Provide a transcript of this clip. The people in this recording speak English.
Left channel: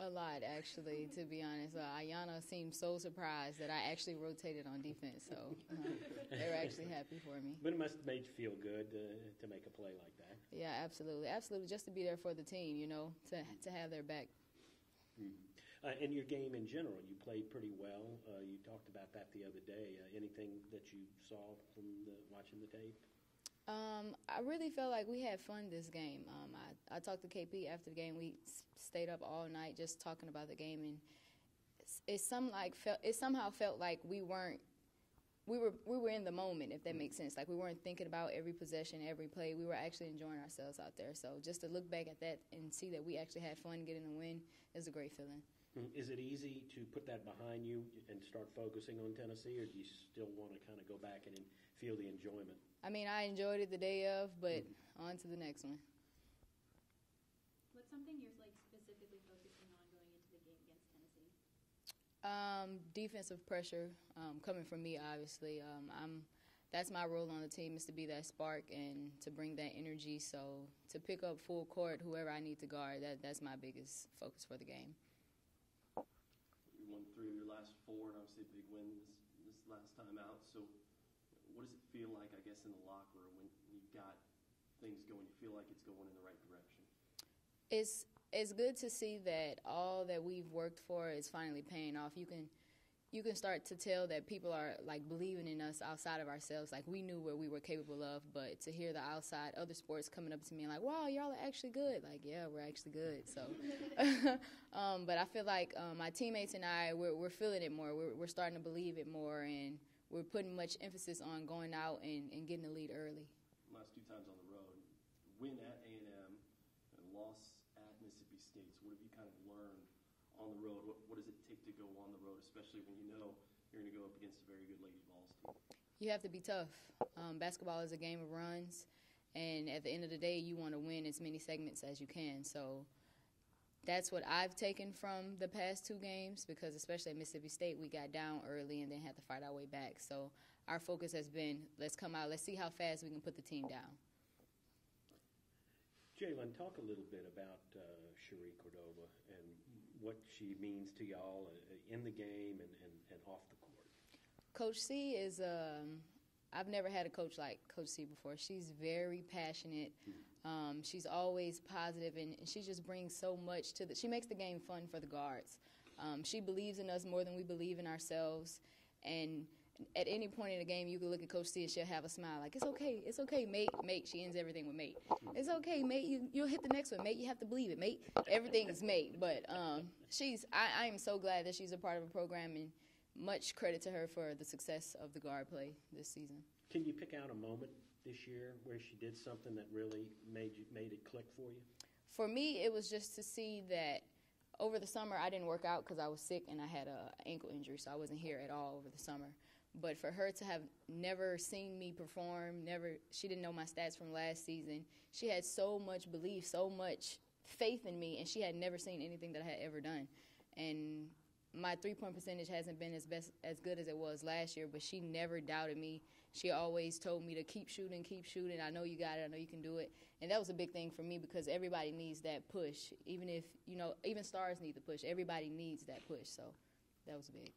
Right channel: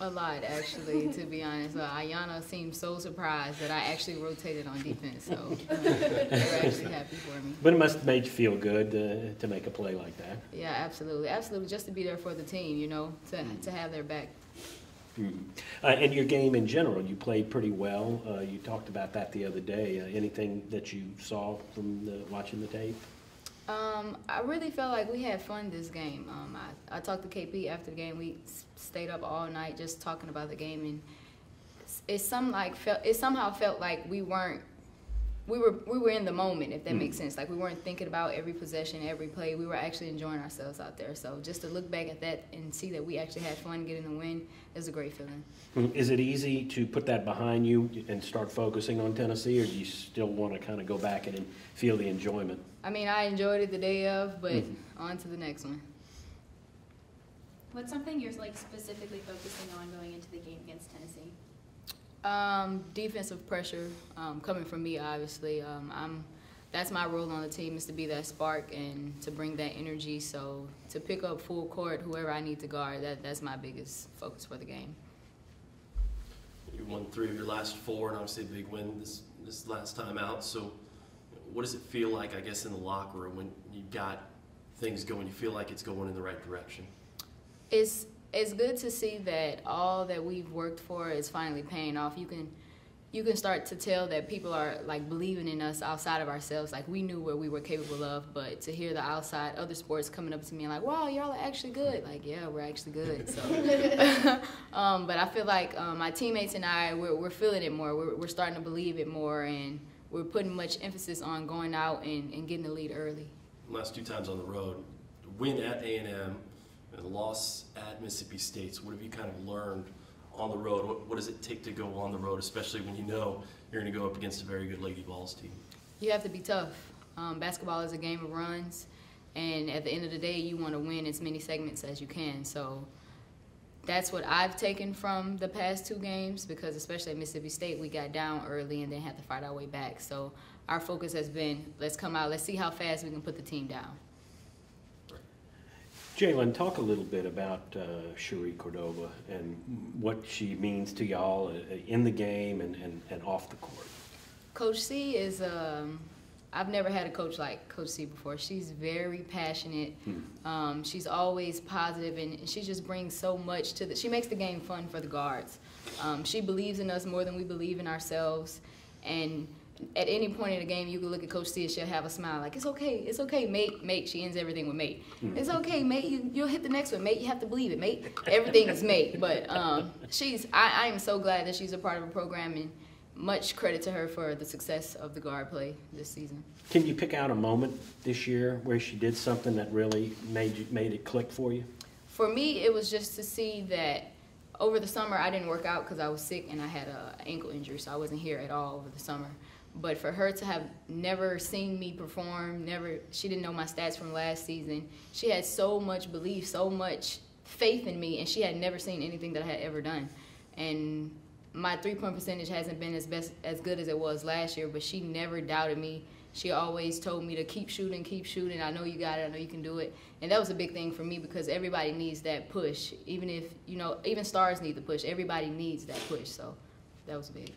A lot, actually, to be honest. Ayana seemed so surprised that I actually rotated on defense, so they were actually happy for me. But it must have made you feel good to make a play like that. Yeah, absolutely. Absolutely, just to be there for the team, you know, to have their back. And your game in general, you played pretty well. You talked about that the other day. Anything that you saw from watching the tape? I really felt like we had fun this game. I talked to KP after the game. We stayed up all night just talking about the game, and it somehow felt like we were in the moment, if that makes sense. Like we weren't thinking about every possession, every play. We were actually enjoying ourselves out there. So just to look back at that and see that we actually had fun getting the win is a great feeling. Is it easy to put that behind you and start focusing on Tennessee, or do you still want to kind of go back and feel the enjoyment? I mean, I enjoyed it the day of, but on to the next one. What's something you're like specifically focusing on going into the game against Tennessee? Defensive pressure, coming from me, obviously. That's my role on the team, is to be that spark and to bring that energy. So to pick up full court, whoever I need to guard, that's my biggest focus for the game. You won 3 of your last 4, and obviously a big win this last time out. So what does it feel like, I guess, in the locker room when you've got things going, you feel like it's going in the right direction? It's good to see that all that we've worked for is finally paying off. You can start to tell that people are like believing in us outside of ourselves. Like we knew what we were capable of, but to hear the outside other sports coming up to me and like, wow, y'all are actually good. Like, yeah, we're actually good. So, but I feel like my teammates and I, we're feeling it more. We're starting to believe it more, and we're putting much emphasis on going out and getting the lead early. Last 2 times on the road, win at A&M, and loss at Mississippi State. So what have you kind of learned on the road? What does it take to go on the road, especially when you know you're going to go up against a very good Lady Vols team? You have to be tough. Basketball is a game of runs, and at the end of the day, you want to win as many segments as you can. So that's what I've taken from the past 2 games, because especially at Mississippi State, we got down early and then had to fight our way back. So our focus has been, let's come out, let's see how fast we can put the team down. Jaelyn, talk a little bit about Cherie Cordova and what she means to y'all in the game and off the court. Coach C is, I've never had a coach like Coach C before. She's very passionate. She's always positive, and she just brings so much to she makes the game fun for the guards. She believes in us more than we believe in ourselves, and at any point in the game, you can look at Coach C and she'll have a smile like, it's okay, mate. She ends everything with mate. It's okay, mate, you'll hit the next one, mate. You have to believe it, mate. Everything is mate. But I am so glad that she's a part of a program, and much credit to her for the success of the guard play this season. Can you pick out a moment this year where she did something that really made it click for you? For me, it was just to see that over the summer I didn't work out because I was sick and I had an ankle injury, so I wasn't here at all over the summer. But for her to have never seen me perform, she didn't know my stats from last season. She had so much belief, so much faith in me, and she had never seen anything that I had ever done. And my 3-point percentage hasn't been as good as it was last year, but she never doubted me. She always told me to keep shooting. I know you got it. I know you can do it. And that was a big thing for me, because everybody needs that push. Even if, even stars need the push. Everybody needs that push. So that was big.